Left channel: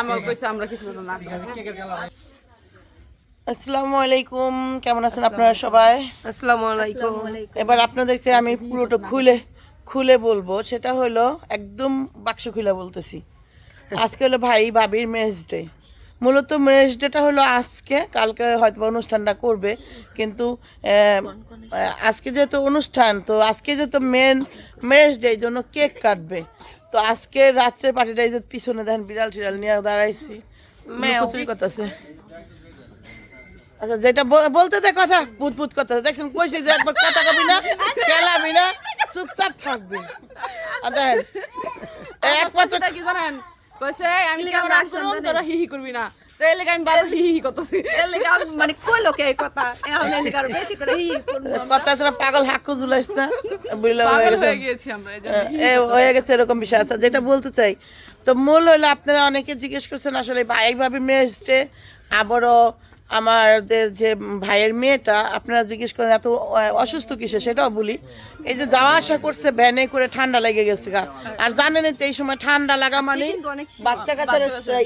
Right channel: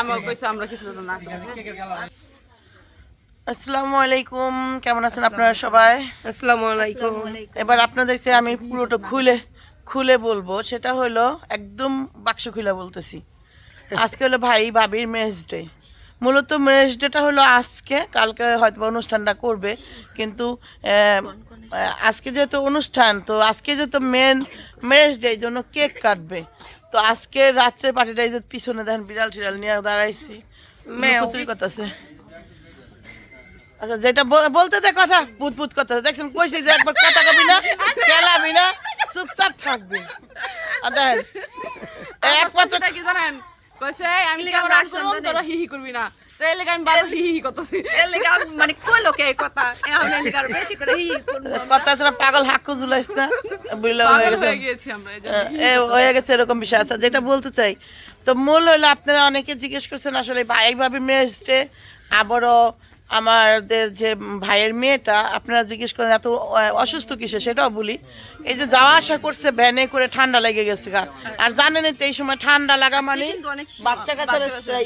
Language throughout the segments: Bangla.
আমার কইছে আমরা কিছু না। আসসালামু আলাইকুম, কেমন আছেন আপনারা সবাই? আসসালামু আলাইকুম। এবার আপনাদেরকে আমি পুরোটা খুলে খুলে বলবো, সেটা হলো একদম বাক্স খুলে বলতেছি। আজকে হলো ভাই ভাবির ম্যারেজ ডে। মূলত ম্যারেজ ডেটা হলো আজকে, কালকে হয়তো অনুষ্ঠানটা করবে, কিন্তু আজকে যেহেতু অনুষ্ঠান, তো আজকে যেহেতু মেন ম্যারেজ ডে, এই জন্য কেক কাটবে। তো আজকে রাত্রে পার্টিটা এই যে পিছনে দেখেন বিড়াল টিড়াল নিয়ে দাঁড়াইছি, কচুরি করতেছে। আচ্ছা, যেটা বলতে দে কথা, পুত পুত কথা দেখছেন, কইছি যে একবার কথা কবি না, খেলাবি না, চুপচাপ থাকবি। আর দেখেন একমাত্র কি জানেন, কইছে আমি ক্যামেরা আসলাম তোরা হি হি করবি না, তো এই লাগি আমি বারো হি হি করতেছি। এই লাগি মানে কইলো কে কথা, এখন এই লাগি বেশি করে হি হি করব। কথা আছে না, পাগল হাক্কু জুলাইছ না, বুঝলে হয়ে গেছে আমরা হয়ে গেছে এরকম বিষয় আছে। যেটা বলতে চাই, তো মূল হলো আপনারা অনেকে জিজ্ঞেস করছেন আসলে ভাই ভাবে মেয়েছে, আবারও আমাদের যে ভাইয়ের মেয়েটা আপনারা জিজ্ঞেস করেন এত অসুস্থ কিসে, সেটাও বলি। এই যে যাওয়া আসা করছে ভ্যানে করে, ঠান্ডা লেগে গেছে গা। আর জানেন তো এই সময় ঠান্ডা লাগা মানে বাচ্চা কাচ্চার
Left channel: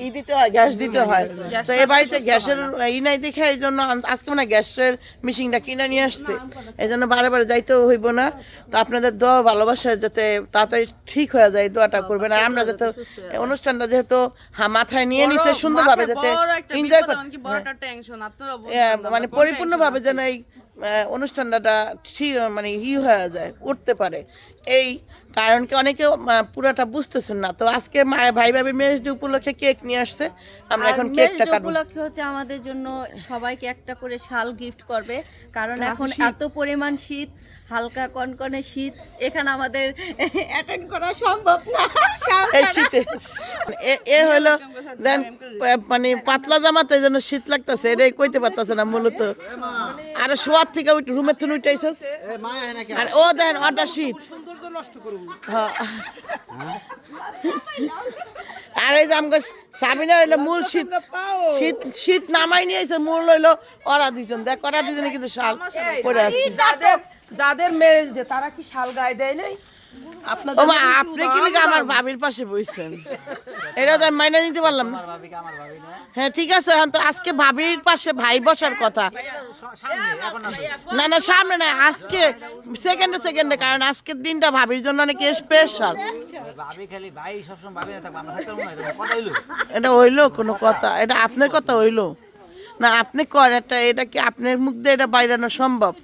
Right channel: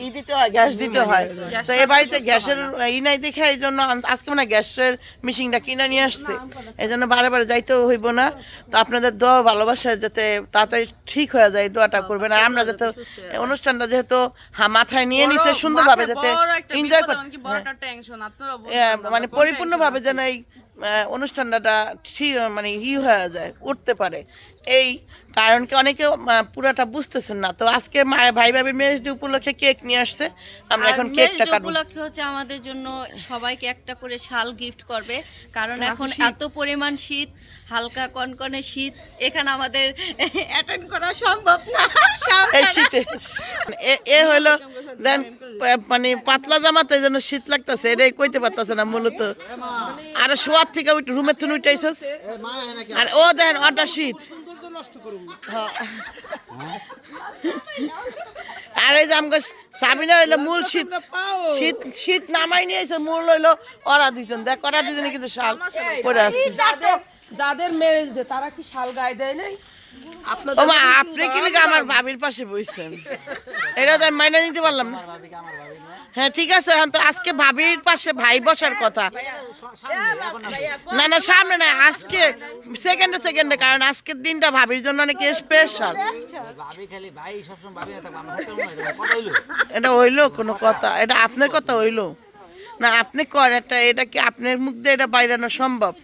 ই দিতে হয়, গ্যাস দিতে হয়। তো এ বাড়িতে গ্যাসের ই নাই দেখে এই জন্য আজকে মানে গ্যাসের মেশিনটা কিনে নিয়ে আসছে, এই জন্য বারে বারে যাইতেও হইব না। তো আপনাদের দোয়া ভালোবাসায় যাতে তাড়াতাড়ি ঠিক হয়ে যায়, দোয়াটা করবেন। আর আমরা যাতে অনুষ্ঠানটা যেহেতু মাথায় নিয়ে নিছে সুন্দরভাবে যাতে এনজয় করতে, মানে পরিপূর্ণভাবে যেন এই অনুষ্ঠানটা ঠিক মানে হয়ে যায়, উঠতে পারে। এই কারণ কি অনেকে পুরাটা বুঝতেছেন না। তো আজকে ভাই ভাবি ম্যারেজ ডে উপলক্ষে কেক নিয়ে আসছে, আমরা এখন কেকটা কাটবো। উপলক্ষে হচ্ছে আমাদের জন্য সবাইকে একটা করে শাল গিফট করবে, কারণ এখন এত পরিমাণ শীত, হালকা কনকনে শীত, এখানে আমাদের অ্যাটেন্ড করা সম্ভব না এই শীতে। এ হলো দেন মানে পাতলা জামাতে এই জন্য শীত লাগতেছে, এটাই কইতে পারতেছে না মূলত। আর শোয়ার থেকে রুমের থেকে উঠাইছস, আর ও দেখেন ওটা শীত। আর এই যে আমাকে সাবিনা হইলো মূল শীত, শীত শীত নামাই নিয়েছে, মূল হইলো ওরা দুজন। দেখ ওরা দুজনে কিন্তু শাল পরে আছে। যাদের ম্যারেজ ডে তারা কি শাল গায়ে দেয় নাই? আপনি কি লিখে আমার ভাবির পাশে বসছেন, এটা তো আমি মাইনা নিতে পারলাম না। হ্যাঁ ঠিক আছে, এখন তো আজকে ভাবির পাশে ভাই বসার কথা। না না সামনে না, আজকে সেকেন্ডে সেকেন্ডে, কারণ আজকের দিনটা ভাবির জন্য অনেক স্পেশাল। এটা হইলো কোনো কথা? এটা আপনার কথা হইলো না? আপনি কর একটা, এটা কি আপনার মুখ দিয়ে এটা বাইরানো সম্ভব?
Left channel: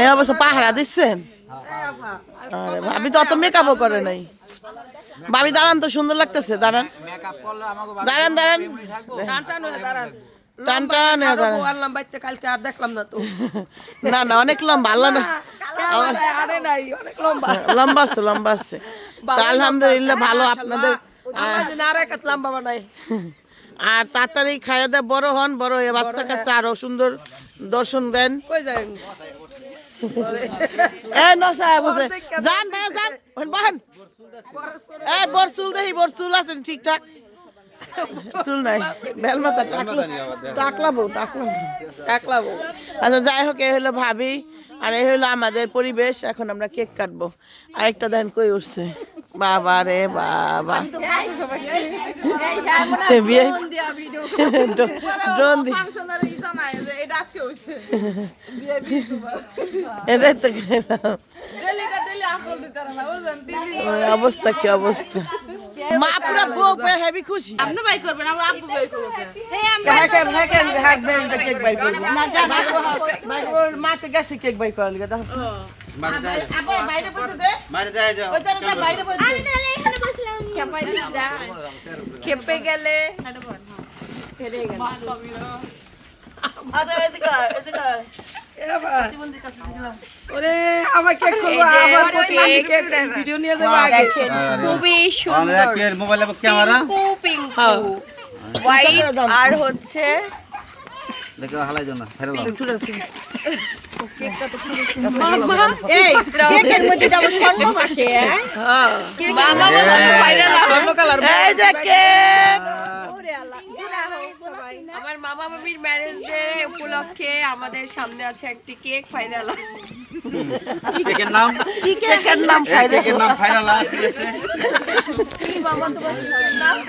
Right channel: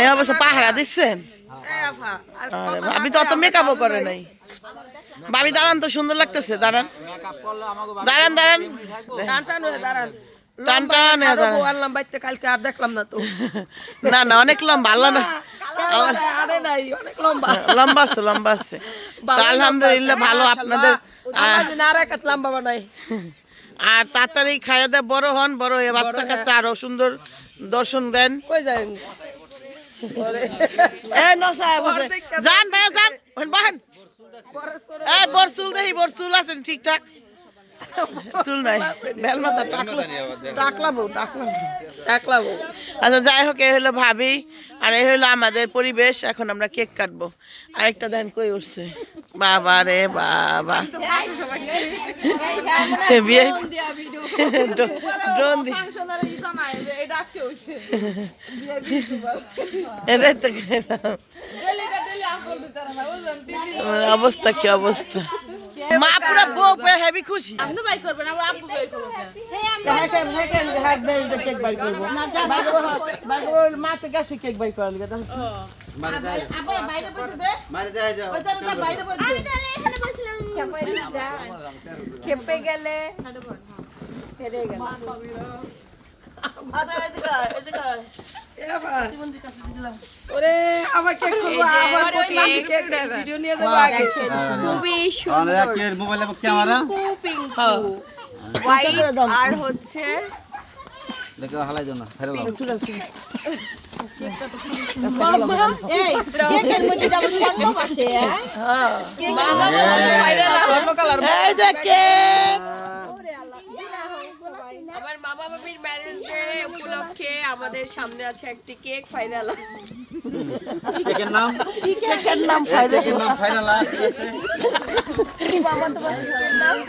এই অবশ্য পাহারা দিচ্ছেন। ভাবি তো অত মেকআপও করে নাই। ভাবি দাঁড়ান, তো সুন্দর লাগতেছে, দাঁড়ান দাঁড়ান দাঁড়ান টান টান দাঁড়ান। না না অনেক লম্বা, আল্লাহ না লম্বা আছে, লম্বা আছে। তো আলহামদুলিল্লাহ ভালো আপনাদের। আর তাড়াতাড়ি খাইয়া দেয়, বড় হন, বড় হয়ে বাচ্চা কাচ্চা আরো সুন্দর দর্শন দেন। যান ভাইয়া যান, বাহান বর চুল দেখি, বর চুল আছেন ঠিকঠাক? চুল নাই, বেলমাতা টাকলা বউ, টাকলা বউ। আচ্ছা যাই হোক, এই হলো ভাবি আর এই হলো আমাদের পরিবেশ। এখন আমরা কেক কাটবো। আরেকটা দেন কই উঠছে, বাবা রে বাবা, ড্রোন দিয়ে এটাই তো অবস্থা, কি অবস্থা। মা পুরা বউ পেয়ে হেবি খুশি। মাতে গেছে কেক বাই করার লিগে, খেপে গেলে আর হচ্ছে আমার মামা মামি মামির ম্যারেজ ডে উপলক্ষে আমাদের সামনে আছে একটি কেক ফাইনাল। কেকের নাম ফাইনাল ফাইরালা, ঠিক আছে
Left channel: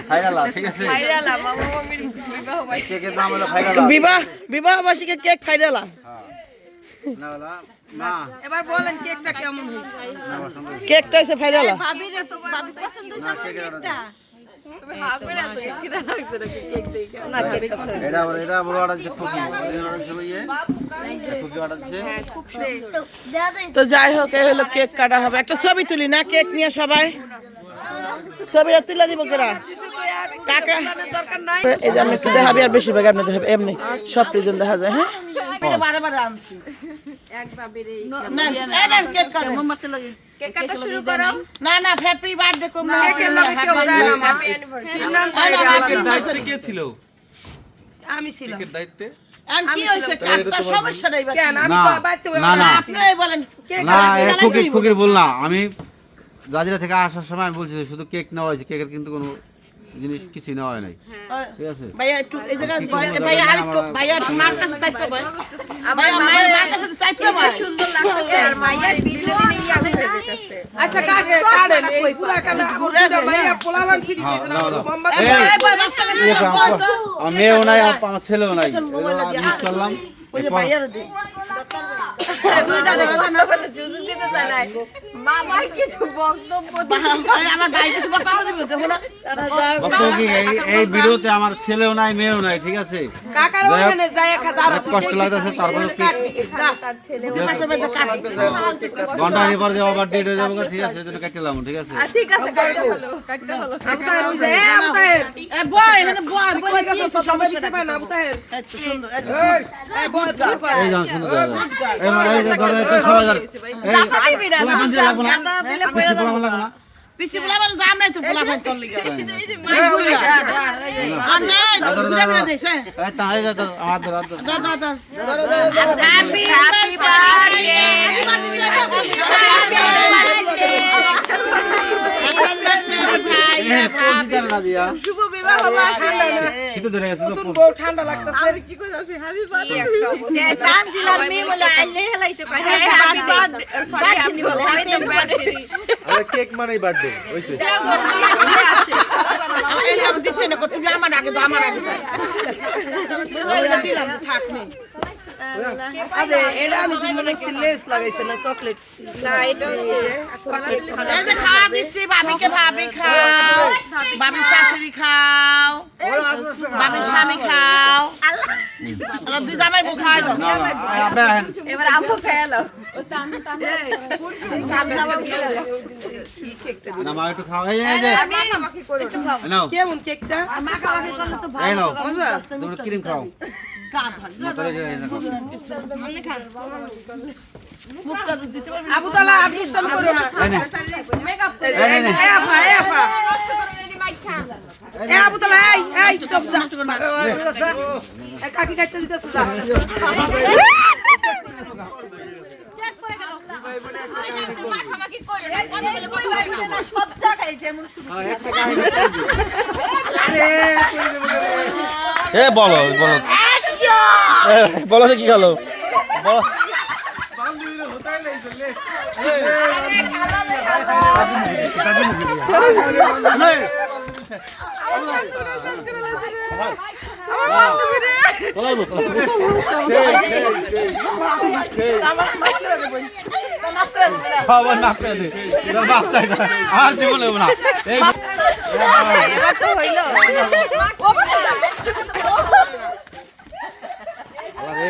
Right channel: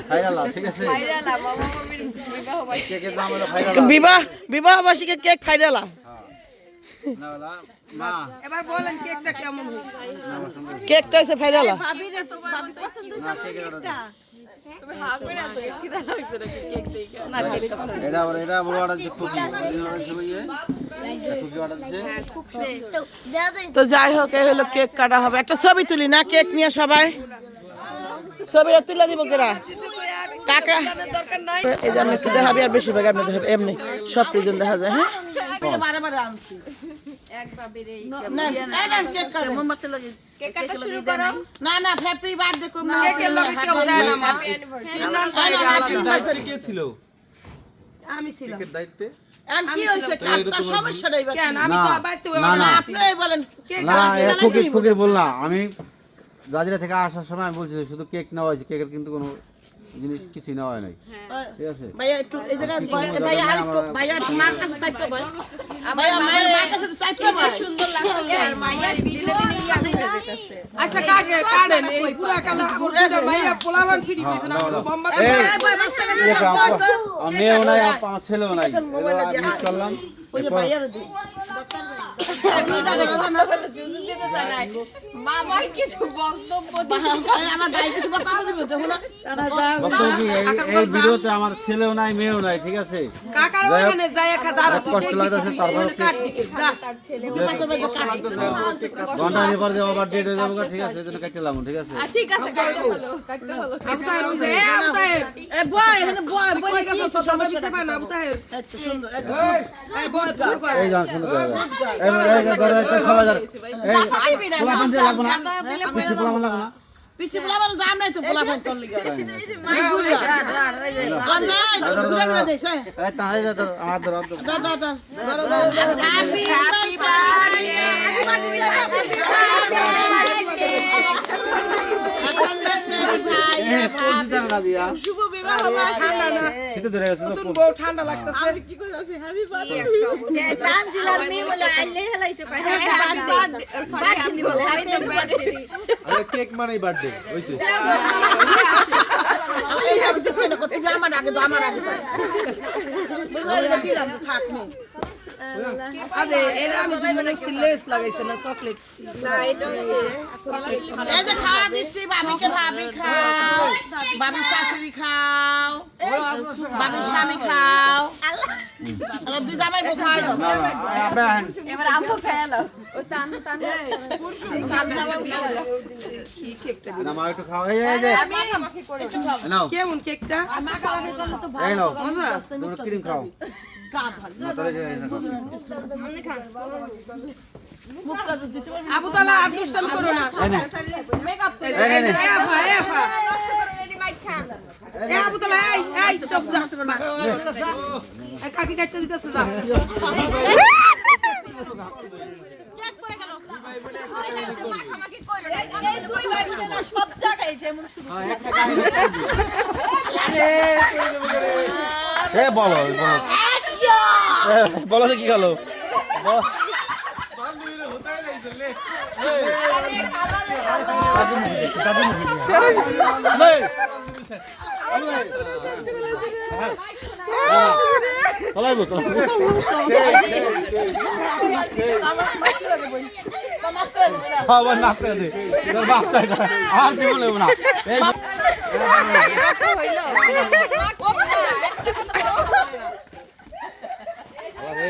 ফাইরালা, ঠিক আছে ফাইনালা মামু মামির বিবাহ বার্ষিকী। কেকের নাম হলো ফাইরালা। বিবাহ বার্ষিকী কেক ফাইনালা। না না এবার বলেন কেকটা কেমন হয়েছে? কেকটা হচ্ছে ফাইনালা। বাবি পছন্দ হয়েছে আমার কেকটা? তুমি হা করে আছো কি দেন লাগছে নাকি কেক দেখে? না কেক আছে। এটা বড় অর্ডার দিচ্ছে খুকি, ওদিন অর্ডার দিচ্ছে ইয়ে খুকি অর্ডার দিচ্ছে। তো যাই হোক, এই হলো কেক কাটা হবে। একটা ছবি তুলি না কেক নিয়ে সবাই, ছবিটা তুলে দিব কেরা কাকা। এই যে আমি একটু দেখাবি, আর বেশিরভাগ আপনি দেখাবি, এমনি সব প্রিজন দেখা যায়। হ্যাঁ কেক কাটা শুরু করো। না না, হ্যাপি বার্থডে কম না, কেকের লগে কেউ দেয় না হ্যাপি অ্যানিভার্সারি। দায়িত্বে কে ছিল? আমি ছিলাম। কেকের দায়িত্বে? আর কি হইছে কাটটা সমস্যা নাই বাকি। কেন আমি তো বাড়িতে না না আপনারাই বলেন না, খুকির বল না। আমি গাজীরা থেকে আসার সময় আমি বলছি শুধু কেক নেওয়া হয়েছে, কেকের কিন্তু কোনো জিনিস কিছু নেওয়া হয় নাই, ঠিক আছে। ভাইয়া একটু এই জায়গায় ভাইয়া আর একটু ভাইয়া মার কাছে চাইতে ভাই, ভাইয়া মায়ের মার কাছে চাইতে ভাই। সুন্দর লাগছে আর মাইয়ার বিলে দিলে ইয়াদ হয়ে যেতেছে। আচ্ছা কাটেন এই পুরো কালা ওটা মাইয়া পোলাবান ফিরি দিয়েছে না bomba এই, এই ভাই বাচ্চা কাছে ইয়ে, সব কয় তো। আমার মেয়েও নাই আর আমার ছেলেও নাই, মিস করলাম। ওই যে ভাইয়ার দি দুইটা ধরো না বলে সুযোগ দিতে চায় না। মামার কিছু বক্তব্য আমার ভাই কিছু বক্তব্য দিবে দেখো না। বক্তব্য কি, এই ভিডিওতে আমার ছেলেও নাই মেয়েও নাই, ঠিক আছে। কাকার ওখানে যায় একটা দাঁড়া অনেক কষ্ট লাগতেছে, তারপরে তার ছেলে ঘন্টা নিয়ে পরে আবার ডেট হয়ে যাবো, ঠিক আছে, এটা কাটলাম, ঠিক আছে। ঠিক আছে কাটতে হলো এ বয় এখানে বয় বলে কি সমস্যা নাই। না তাহের এত সুন্দর এত এই যেমন সুন্দর জায়গা। এই মানে এই যে ধরো এই তো সবাই জানে। এই পোলাপান দিয়ে লাগবো না, পোলাপান লাগবো না। পিছে বলা বল জাম নাই তো বলা ভাই তোর লিগা আনে ঘুরে ঘুরে দেখ হ্যাঁ এই তা এই যে ধরো, আমার ধরো, আমার ধরো। দাও দাও দাও হ্যাপি বার্থডে এই পোজ দিতে না দিয়া। শুভ বিবাহ বার্ষিকী। শীতে ধরে গেছে তো পোজ। ঠান্ডা লাগতেছে আমি কি কইতাছি হ্যাপি বার্থডে। তানজিলার মেয়ে বলে আইলে হেলাইছে কয় হ্যাপি বার্থডে সরি আপনি বলে হ্যাপি বার্থডে আরে কেক মানেই বার্থডে হইছে। এই আমি দিতে না করতে আমার আগে দাও আমার আগে দাও বলে দিলাম থাক নেই। আরে এটা আমি মানে লেস লাগাইছে না চকলেট না এটা হচ্ছে এই যে খাওয়া দিচ্ছি ভাবিকে, ভাবি খাও, ভাবির শাশুড়ি খাও, ভাবির স্বামী খাও, আল্লাহ দুই জামাই বউ খাওয়াই দাও। না না, আবেন। এবার আমু খায়ালো না মা একটু খাও, এই যে নাও, কেমন কেকটা মাখামাখি করলে তো এই ভালো। নাও, তোমরা ক্রিম খাও। গা ধর না তাহলে যে এই দেখো। মুখটা তো দিতে পারবি না। আবু তালা আবিষ্কার করো না এই নে, মেকআপ এই নে, এই আপা এই আবু তালা এই চুপ যা না এই কাকি কাটতে দিতেছ যা সব জায়গায় যেমন শুরু এ বলো বলো বলো তো কি গেলো বলো। খাবার না পেলে বাপ চাই না আর জীবন না এই আরে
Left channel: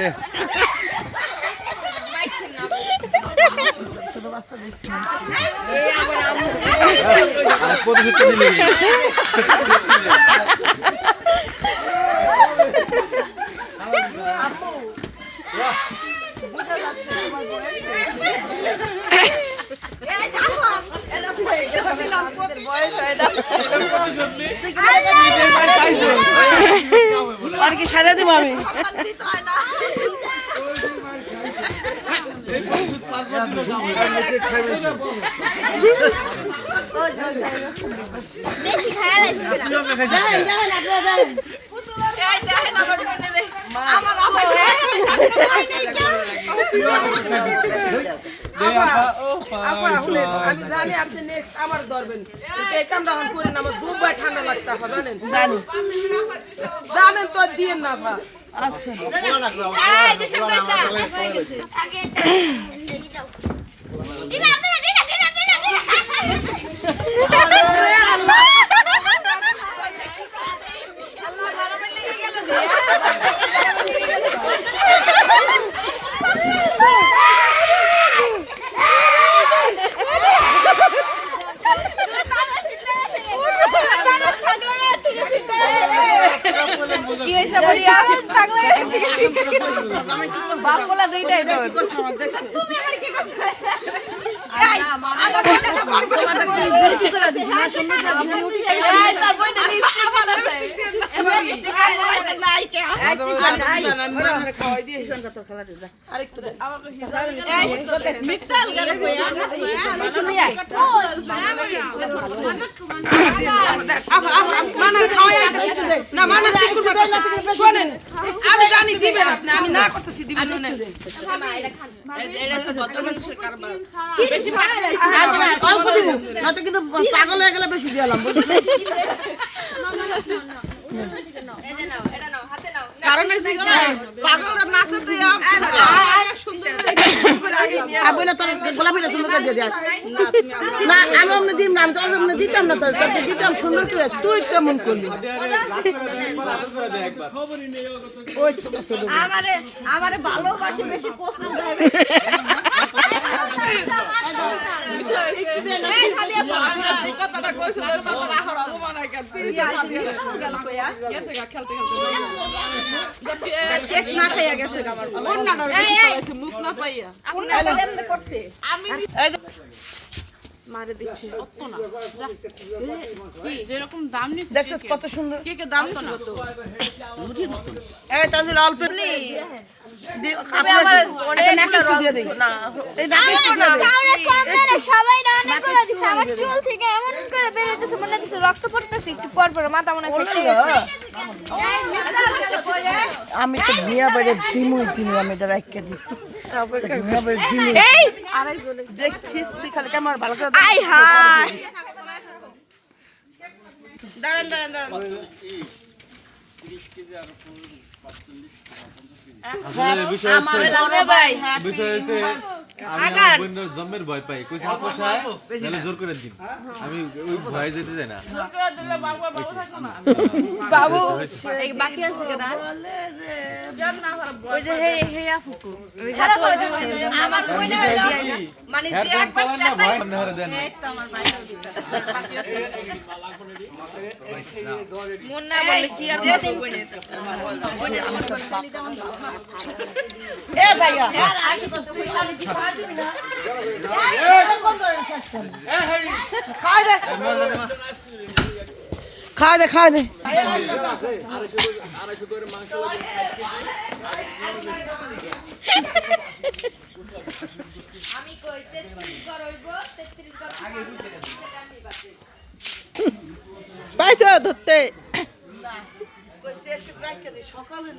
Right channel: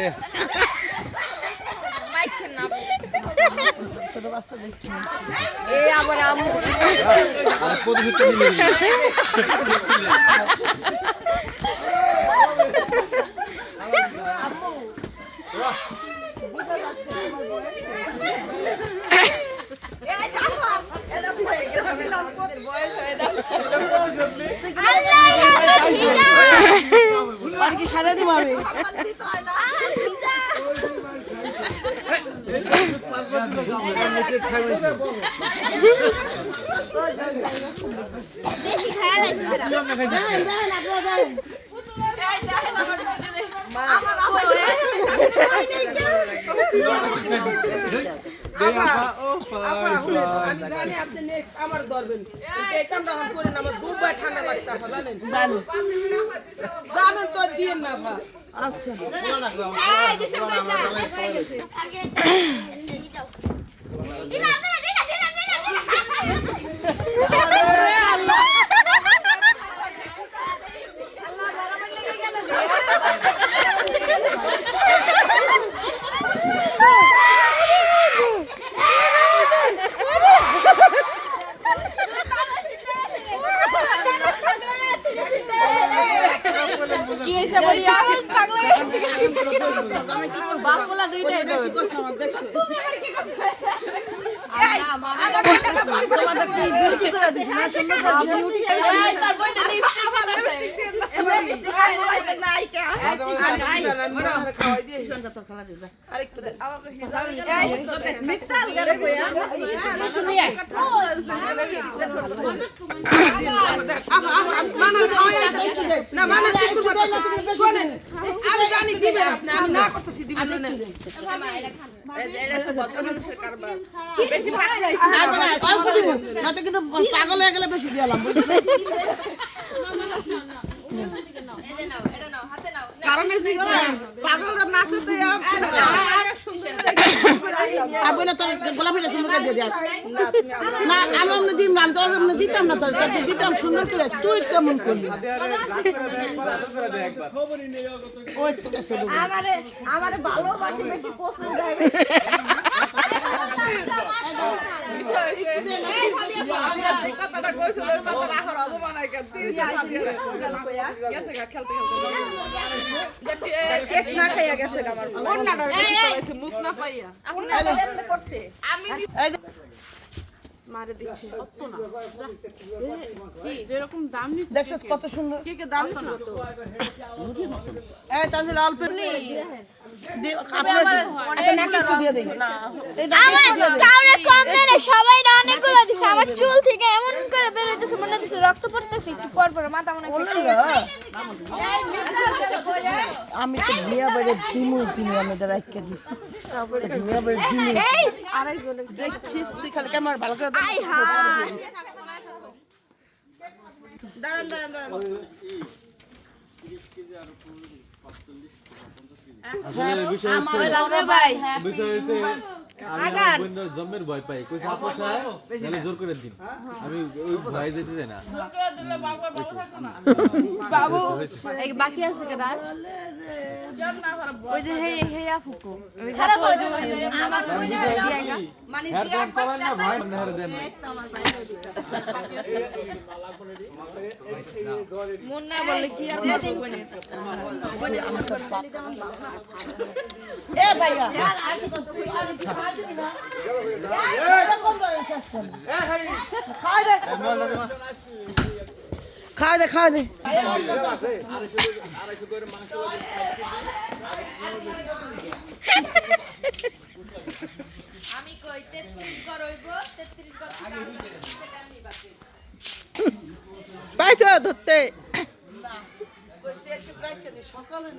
আরে কত ভিতরে নিলি আর কি সারা দিব আমি আপা শুনেন, আমি জানি আপনি নেক্সট আমার ধরবেন, কিন্তু এই কামটা এখন করেন না, আমার দুবার ঠান্ডা লাগছে আপা, জানেন জানেন তো দিয়েন না আপা। আচ্ছা কি হয়েছে বলি আমি জানি দিবেন আপনি, আমি না করতেছি দিবেন না। অল্প দিব নয়তো কিন্তু পাগল হয়ে গেলে বেশি দিলাম না তোর গোলাপিটা সুন্দর করে দিয়ে দিস না আমি এমনি দিম না আমি তো এমনি দিতাম না তোর দিতাম সুন্দর করে তুই তেমন করলি ওই তো আমারে ভালোবাসি বেশি পছন্দ হবে দেখছিস কত সুন্দর এই তাহলে অল্প সবাই না অনেক করে দিছে আমার চুল থেকে এমন করে বের হইতেছে মনে হচ্ছে রক্ত পড়তেছে একটু পর পর মাথা মনে আমি তো মিয়া বাড়ি দিমু আমি এটা রাখিয়ে দিছি মিয়া বাড়ি দিমু দেখিস তুই খালি আমার ভালো করে আসলে বিষয় হচ্ছে আমি আমার বোনের জন্মের ভয় পাই কইছে আপু সাহেব নাহলে জোর করে দিন আমি ওই ভয় যেতে চাই না বাবু এই বাকি আছে কেন ওই যে হে আপুকো আমার মনে মানে যে একবার ভয় না হরে দেন মন না বললে কি আর এ ভাইয়া খাওয়া দে খাওয়া দে আমি কই 33 বার হইব 33 বার আমি বাকি পাইছো ধরতে সকালে